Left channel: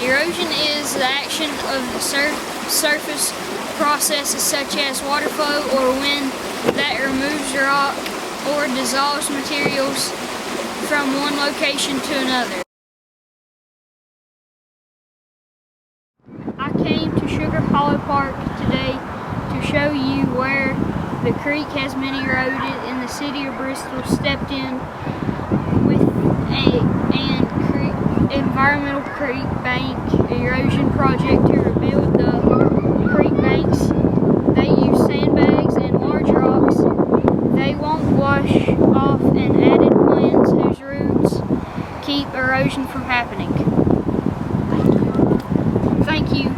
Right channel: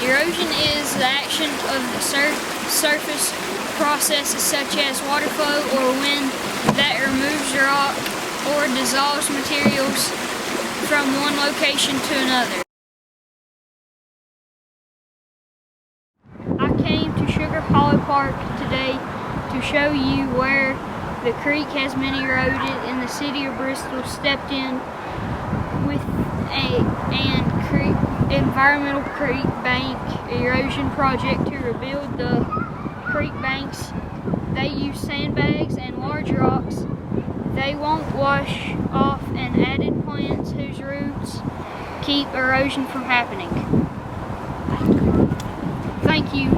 Erosion is the action of the surface processes such as water flow or wind that removes rock or dissolves materials from one location to another. I came to Sugar Hollow Park today to show you where the creek has been eroded, and the city of Bristol stepped in with an environmental creek bank erosion project to rebuild the creek banks. They use sandbags and large rocks. They won't wash off, and added plants whose roots keep erosion from happening. Thank you.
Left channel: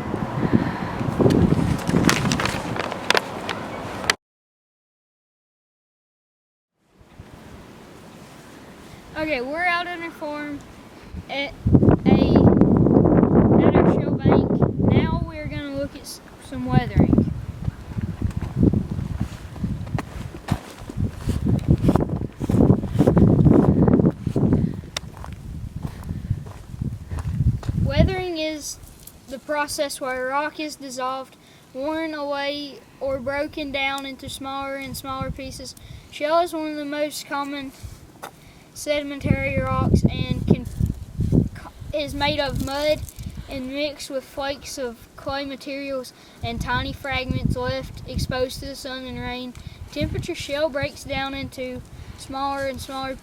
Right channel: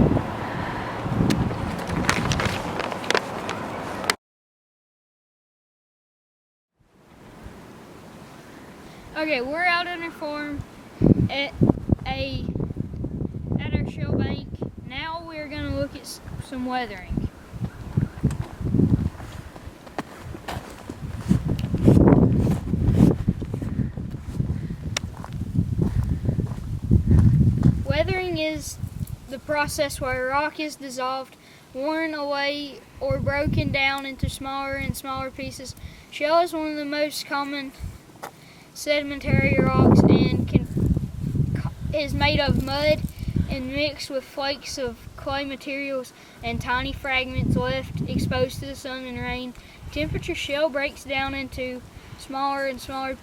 Okay, we're out on our farm at our shell bank. Now we're going to look at some weathering. Weathering is the process where rock is dissolved, worn away, or broken down into smaller and smaller pieces. Shell is one of the most common sedimentary rocks and is made of mud and mixed with flakes of clay materials and tiny fragments left exposed to the sun and rain. Temperature shell breaks down into smaller and smaller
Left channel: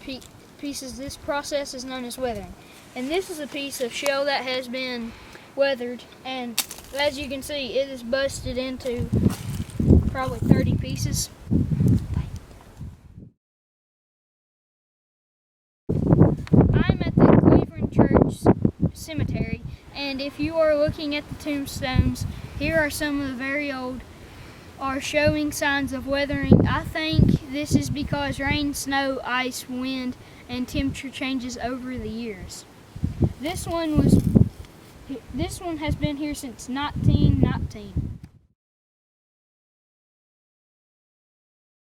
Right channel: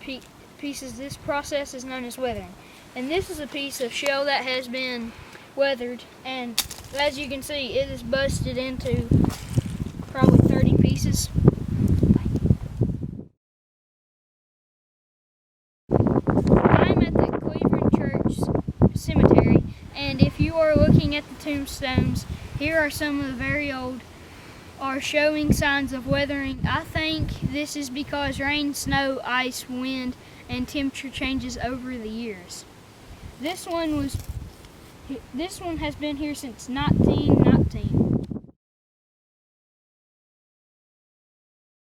pieces. This process is known as weathering. And this is a piece of shell that has been weathered, and as you can see, it is busted into probably 30 pieces. I'm at the Cleveland Church Cemetery, and if you are looking at the tombstones, here are some of the very old are showing signs of weathering. I think this is because rain, snow, ice, wind, and temperature changes over the years. This one has been here since 1919.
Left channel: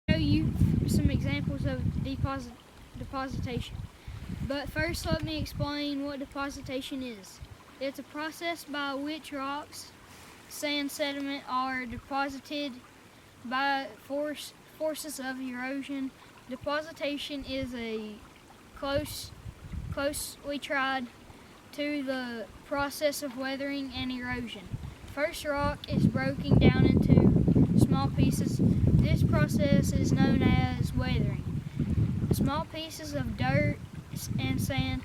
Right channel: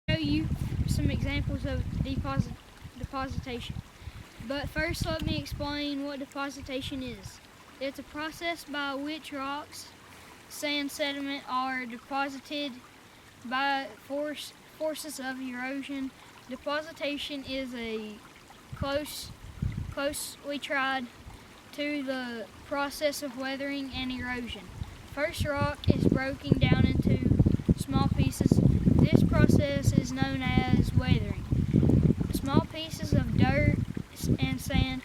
I'll show you some examples of depositation. But first, let me explain what depositation is. It's a process by which rocks, sand, sediment are deposited by forces of erosion. Depositation is closely tied to the process of weathering and erosion. First, rock is broken down into small pieces. This process is known as weathering. Small pieces of dirt and sand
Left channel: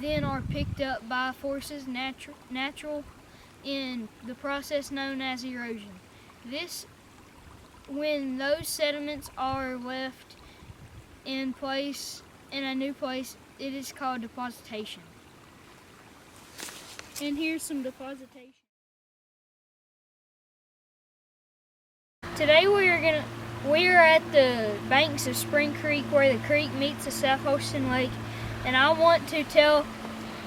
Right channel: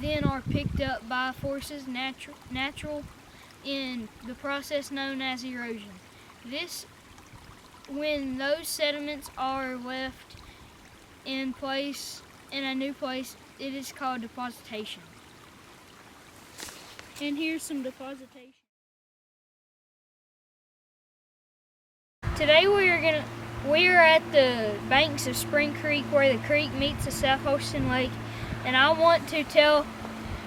then are picked up by forces natural in the process known as erosion. When those sediments are left in a new place, it is called depositation. And here's some depositation. Today we are at the banks of Spring Creek, where the creek meets the South Holston Lake, and I want to tell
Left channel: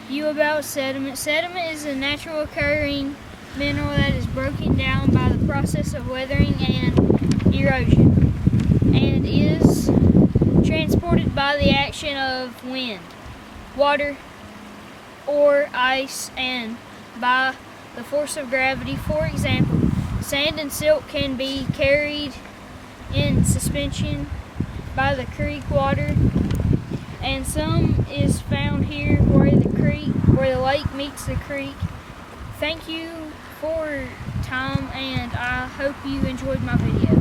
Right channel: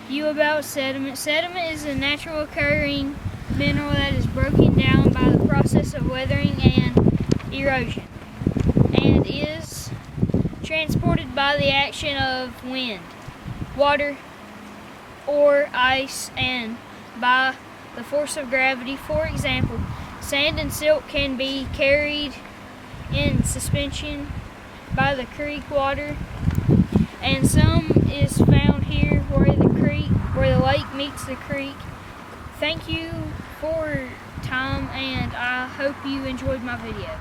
you about sediment. Sediment is a natural occurring mineral that is broken down by the process of weathering and erosion, and is transported by the action of wind, water, or ice, and by the force of gravity. For example, sand and silt can be carried in suspension by the creek water, and some is found here where the lake meets the creek. Thank you for your time, and I hope you enjoyed my video.